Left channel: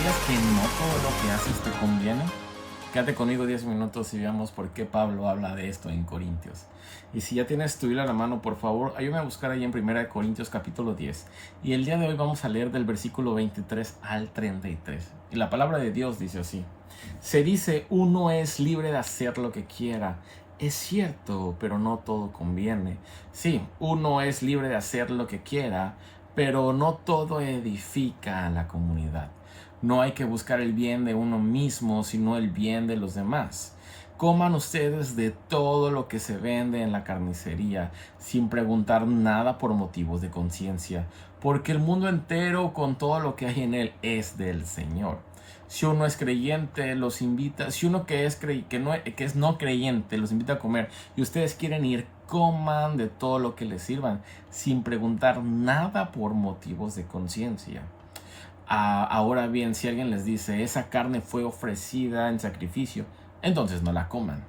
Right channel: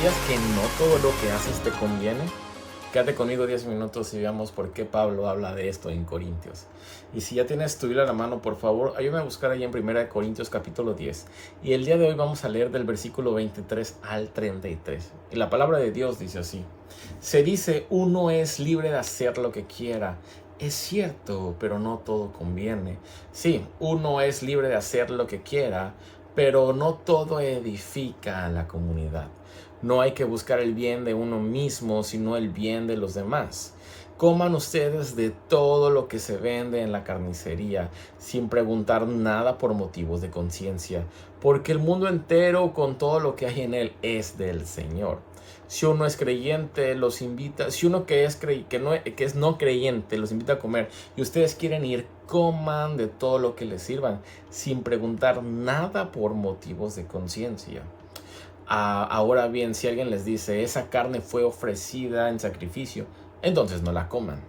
¿Sabías que no todo lo que haces te conviene? Quédate conmigo 10 minutos y veamos por qué Pablo habla de esto en Corintios. Y si ya tienes tu Biblia a la mano, por favor, ayúdame a buscar ahí en 1 Corintios capítulo 10. Y el día de hoy vamos a leer del versículo 23 al 33. Y la palabra de Dios dice así. Se dice, uno es libre de hacer lo que quiera. Es cierto, pero no todo conviene. Sí, uno es libre de hacer lo que quiera, pero no todo edifica a la comunidad. No hay que buscar el bien de uno mismo, sino el bien de los demás. Coman ustedes de todo lo que se vende en la carnicería, sin preguntar nada por motivos de conciencia, porque el mundo entero con todo lo que hay en él es del Señor. Si uno es creyente, los invita, si uno que es no creyente los invita a comer y ustedes quieren ir, coman de todo lo que les sirvan, sin preguntar nada por motivos de conciencia. Ahora bien, si alguien les dice, esa carne fue ofrecida en sacrificio, entonces no la coman,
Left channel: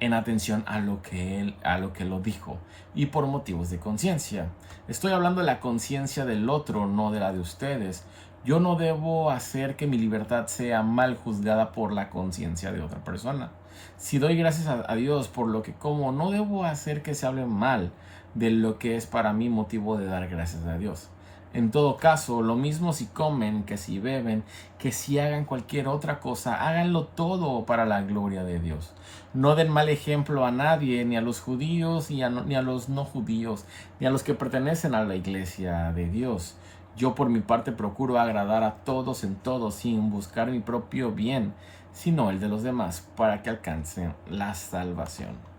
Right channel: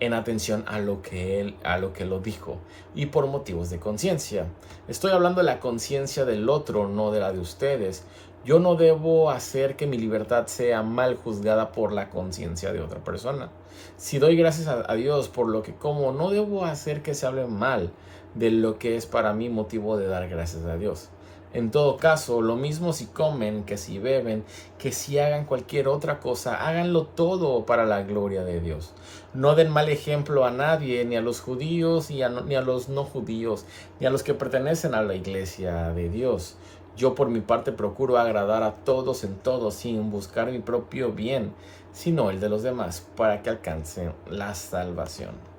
en atención a lo que lo dijo, y por motivos de conciencia. Estoy hablando de la conciencia del otro, no de la de ustedes. Yo no debo hacer que mi libertad sea mal juzgada por la conciencia de otra persona. Si doy gracias a Dios por lo que como, no debo hacer que se hable mal de lo que es para mí motivo de dar gracias a Dios. En todo caso, lo mismo si comen, que si beben, que si hagan cualquier otra cosa, háganlo todo para la gloria de Dios. No den mal ejemplo a nadie, ni a los judíos, ni a los no judíos, ni a los que pertenecen a la iglesia de Dios. Yo por mi parte procuro agradar a todos en todo, sin buscar mi propio bien, sino el de los demás, para que alcancen la salvación.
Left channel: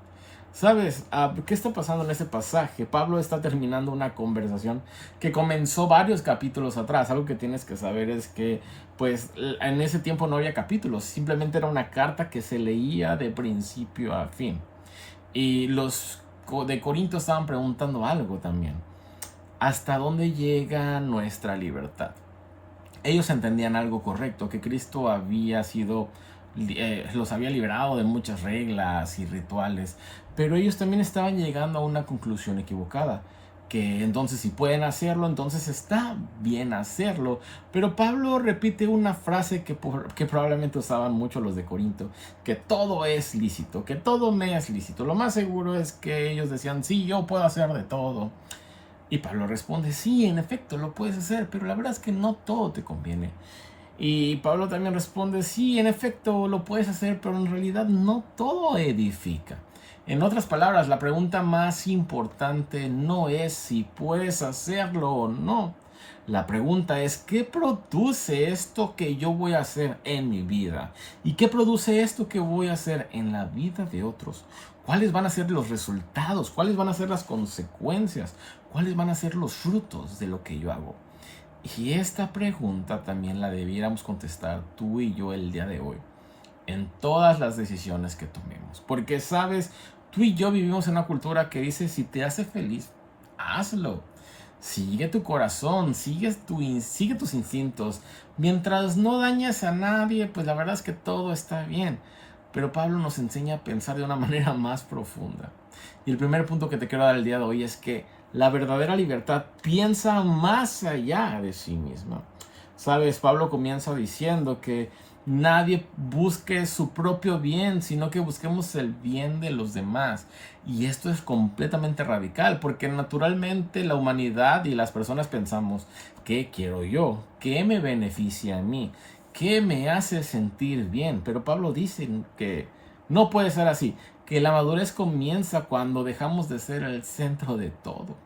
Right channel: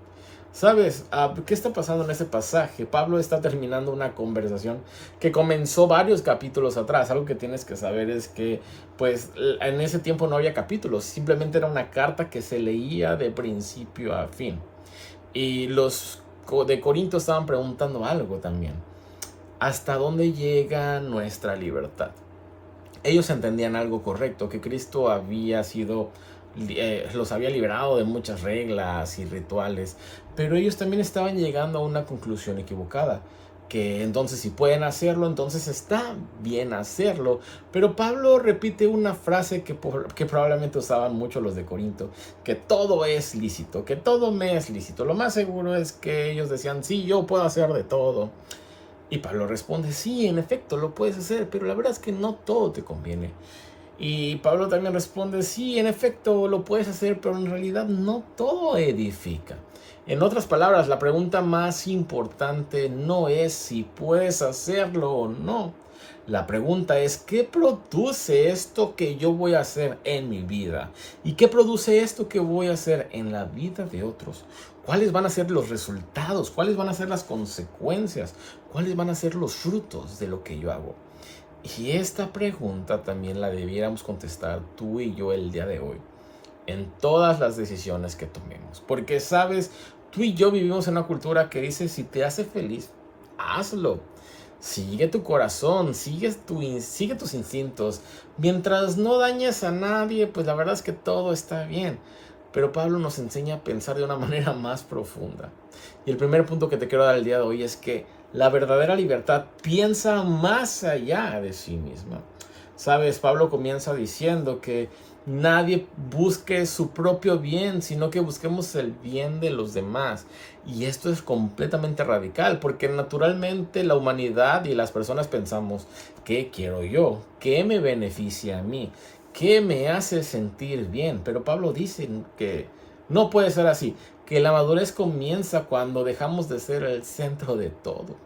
¿Sabes qué está pasando en ese pasaje? Pablo está terminando una conversación que comenzó varios capítulos atrás. Algo que tienes que saber es que, pues, en ese tiempo no había capítulos. Simplemente era una carta que se leía de principio a fin. Y los de Corinto estaban preguntando algo también. ¿Hasta dónde llega nuestra libertad? Ellos entendían algo correcto, que Cristo los había liberado de muchas reglas y rituales, pero ellos también estaban llegando a una conclusión equivocada, que entonces si pueden hacerlo, entonces está bien hacerlo. Pero Pablo repite una frase que probablemente usaban mucho los de Corinto, que todo es lícito, que todo me es lícito. Lo más seguro es que ellos decían, sí, yo puedo hacer de todo. Y Pablo responde, sí, en efecto, lo puedes hacer, pero la verdad es que no todo te conviene. Y Pablo también responde, sí, en efecto, lo puedes hacer, pero en realidad no todo edifica. En otras palabras, la pregunta más importante no es si puedes hacerlo o no. La pregunta es, ¿qué produce esto que yo voy a hacer en mi vida? ¿Y qué produce esto que voy a hacer en la vida de otros? ¿Cuáles van a ser los resultados? ¿Cuáles van a ser las consecuencias? ¿Cuáles van a ser los frutos de lo que yo hago? Y esta pregunta también la debiéramos contestar tú y yo el día de hoy, en todas las decisiones que tomemos. Porque, sabes, tú y yo vivimos en una cultura que dice, si te hace feliz, hazlo. Sigue tu corazón, sigue tus instintos. Mientras no dañes a nadie, pues la verdad es que todo está bien. Pero Pablo nos enseña a pensar de una manera más profunda. Y el primer punto que te quiero dar el día de hoy es que la verdadera libertad piensa más allá de sí misma. Sabes, Pablo comienza diciendo que nadie busque su propio bien, sino que busquemos el bien de los demás. Y esto es completamente radical, porque naturalmente la humanidad y las personas pensamos, ¿qué quiero yo? ¿Qué me beneficia a mí? ¿Qué me hace sentir bien? Pero Pablo dice que no puede ser así, que la madurez comienza cuando dejamos de ser el centro de todo.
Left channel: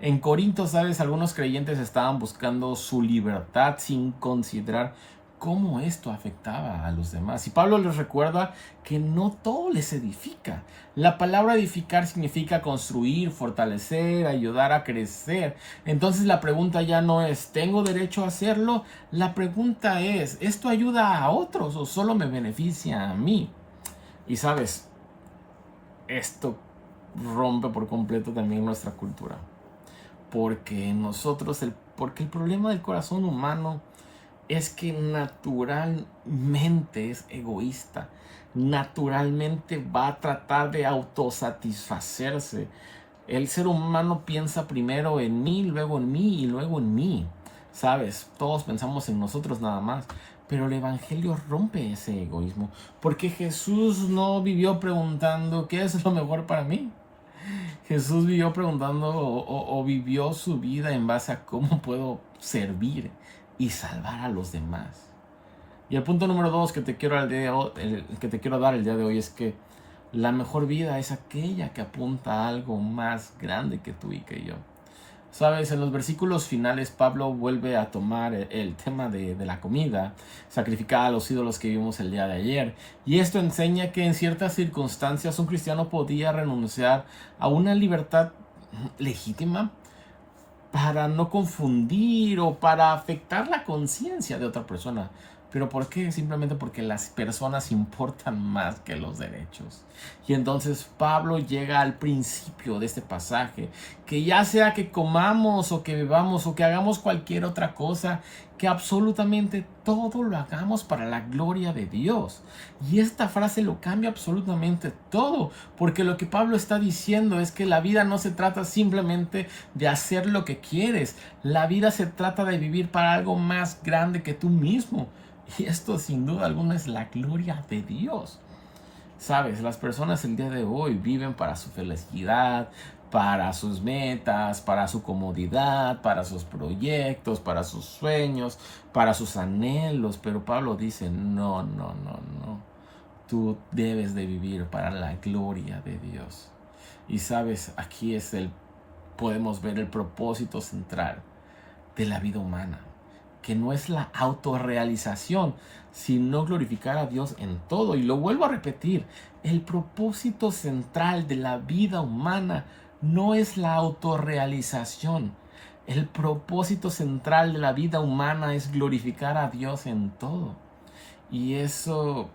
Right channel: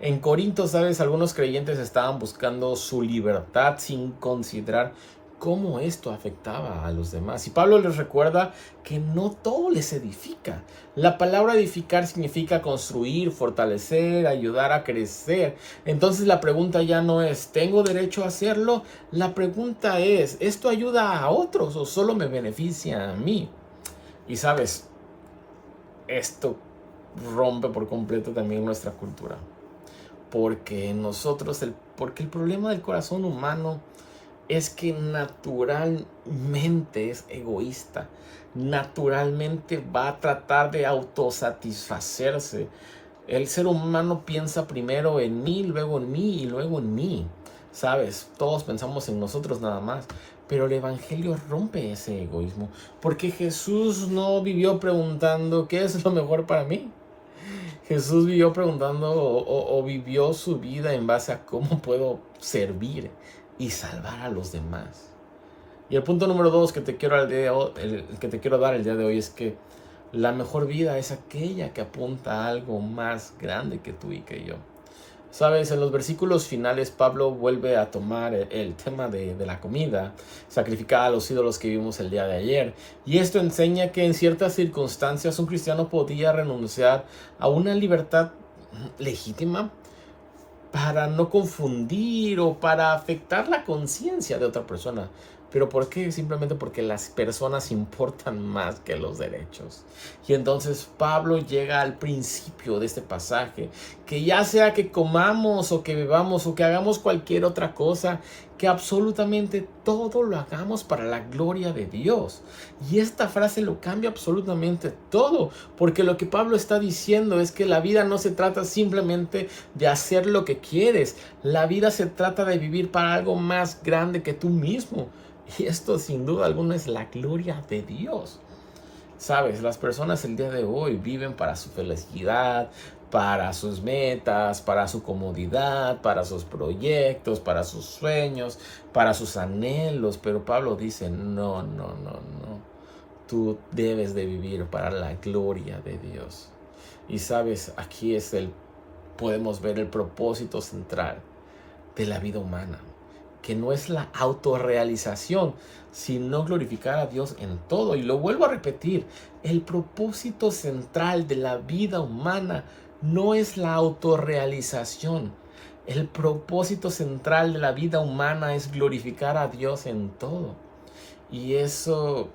En Corinto, sabes, algunos creyentes estaban buscando su libertad sin considerar cómo esto afectaba a los demás. Y Pablo les recuerda que no todo les edifica. La palabra edificar significa construir, fortalecer, ayudar a crecer. Entonces la pregunta ya no es, ¿tengo derecho a hacerlo? La pregunta es, ¿esto ayuda a otros o solo me beneficia a mí? Y sabes, esto rompe por completo también nuestra cultura. Porque porque el problema del corazón humano es que naturalmente es egoísta. Naturalmente va a tratar de autosatisfacerse. El ser humano piensa primero en mí, luego en mí y luego en mí. ¿Sabes? Todos pensamos en nosotros nada más. Pero el Evangelio rompe ese egoísmo, porque Jesús no vivió preguntando ¿qué es lo mejor para mí? Jesús vivió preguntando o vivió su vida en base a cómo puedo servir y salvar a los demás. Y el punto número 2 que te quiero, que te quiero dar el día de hoy es que la mejor vida es aquella que apunta a algo más grande que tú y que yo. Sabes, en los versículos finales Pablo vuelve a tomar el tema de la comida sacrificada a los ídolos que vimos el día de ayer. Y esto enseña que en ciertas circunstancias un cristiano podía renunciar a una libertad legítima para no confundir o para afectar la conciencia de otra persona. ¿Pero por qué? Simplemente porque las personas importan más que los derechos. Y entonces Pablo llega al principio de este pasaje, que ya sea que comamos o que bebamos o que hagamos cualquier otra cosa, que absolutamente todo lo hagamos para la gloria de Dios. Y esta frase lo cambia absolutamente todo, porque lo que Pablo está diciendo es que la vida no se trata simplemente de hacer lo que quieres, la vida se trata de vivir para algo más grande que tú mismo. Y esto sin duda alguna es la gloria de Dios. Sabes, las personas el día de hoy viven para su felicidad, para sus metas, para su comodidad, para sus proyectos, para sus sueños, para sus anhelos. Pero Pablo dice, no, no, no, no. Tú debes de vivir para la gloria de Dios. Y sabes, aquí podemos ver el propósito central de la vida humana, que no es la autorrealización, sino glorificar a Dios en todo. Y lo vuelvo a repetir, el propósito central de la vida humana no es la autorrealización. El propósito central de la vida humana es glorificar a Dios en todo. Y eso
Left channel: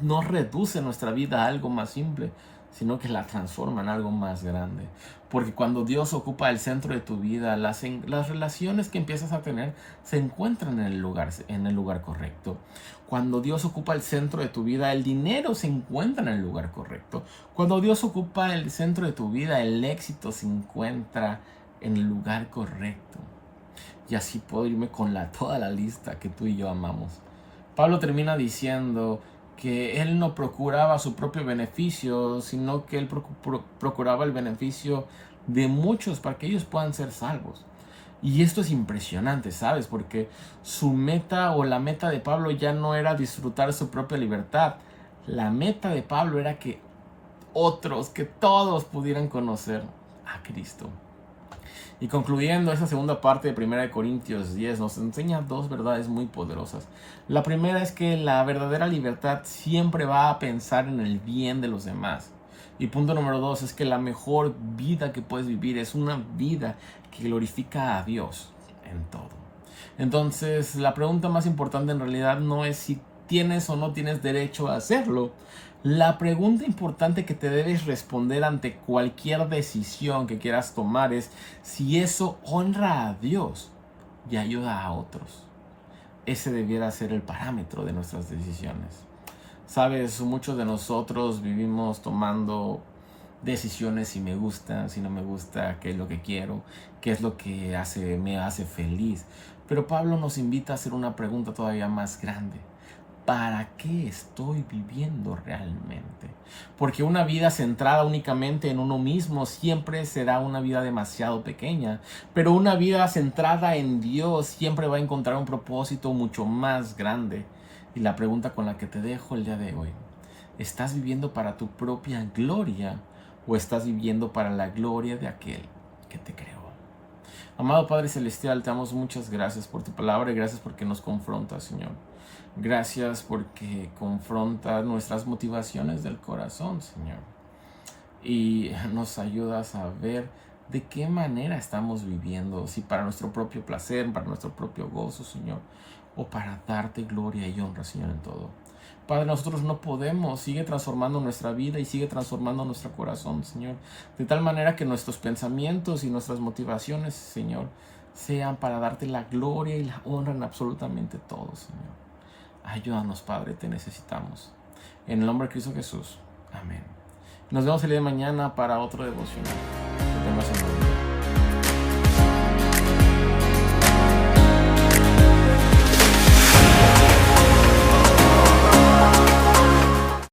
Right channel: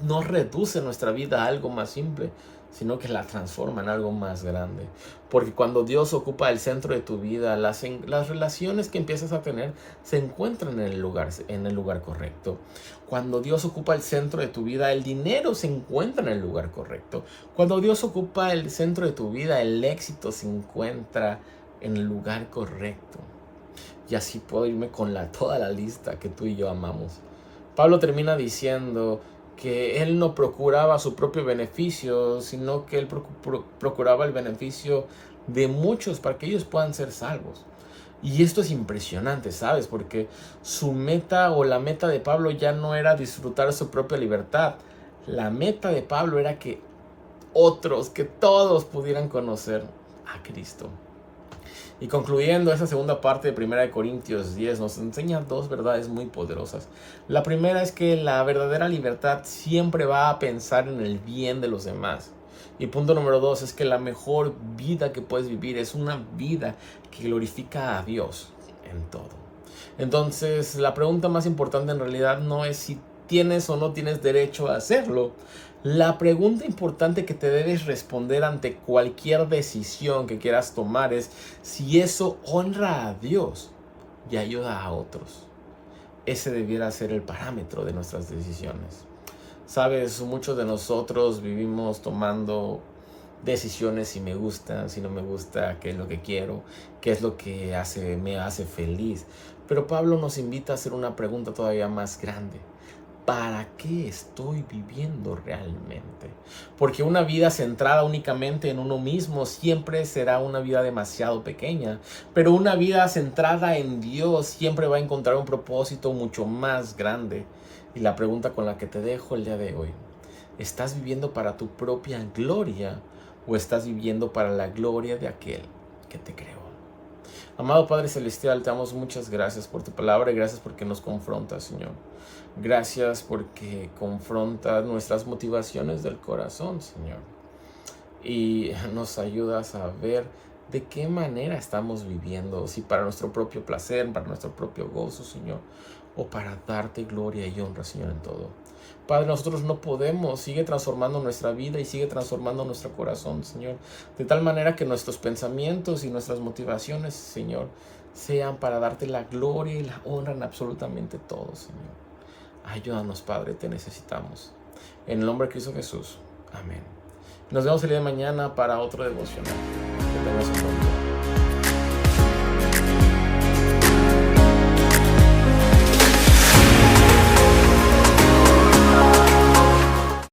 no reduce nuestra vida a algo más simple, sino que la transforma en algo más grande. Porque cuando Dios ocupa el centro de tu vida, las relaciones que empiezas a tener se encuentran en el lugar correcto. Cuando Dios ocupa el centro de tu vida, el dinero se encuentra en el lugar correcto. Cuando Dios ocupa el centro de tu vida, el éxito se encuentra en el lugar correcto. Y así puedo irme con toda la lista que tú y yo amamos. Pablo termina diciendo que él no procuraba su propio beneficio, sino que él procuraba el beneficio de muchos para que ellos puedan ser salvos. Y esto es impresionante, ¿sabes? Porque su meta o la meta de Pablo ya no era disfrutar su propia libertad. La meta de Pablo era que que todos pudieran conocer a Cristo. Y concluyendo esa segunda parte de 1 Corintios 10 nos enseña dos verdades muy poderosas. La primera es que la verdadera libertad siempre va a pensar en el bien de los demás. Y punto número 2 es que la mejor vida que puedes vivir es una vida que glorifica a Dios en todo. Entonces, la pregunta más importante en realidad no es si tienes o no tienes derecho a hacerlo. La pregunta importante que te debes responder ante cualquier decisión que quieras tomar es si eso honra a Dios y ayuda a otros. Ese debiera ser el parámetro de nuestras decisiones. Sabes, muchos de nosotros vivimos tomando decisiones si me gusta, si no me gusta, qué es lo que quiero, qué es lo que me hace feliz. Pero Pablo nos invita a hacer una pregunta todavía más grande. ¿Para qué estoy viviendo realmente? Porque una vida centrada únicamente en uno mismo siempre será una vida demasiado pequeña. Pero una vida centrada en Dios siempre va a encontrar un propósito mucho más grande. Y la pregunta con la que te dejo el día de hoy: ¿estás viviendo para tu propia gloria o estás viviendo para la gloria de aquel que te creó? Amado Padre Celestial, te damos muchas gracias por tu palabra y gracias porque nos confrontas, Señor. Gracias porque confrontas nuestras motivaciones del corazón, Señor. Y nos ayudas a ver de qué manera estamos viviendo, si para nuestro propio placer, para nuestro propio gozo, Señor, o para darte gloria y honra, Señor, en todo. Padre, nosotros no podemos, sigue transformando nuestra vida y sigue transformando nuestro corazón, Señor, de tal manera que nuestros pensamientos y nuestras motivaciones, Señor, sean para darte la gloria y la honra en absolutamente todo, Señor. Ayúdanos, Padre, te necesitamos. En el nombre de Cristo Jesús. Amén. Nos vemos el día de mañana para otro devocional. Que tengas un buen día.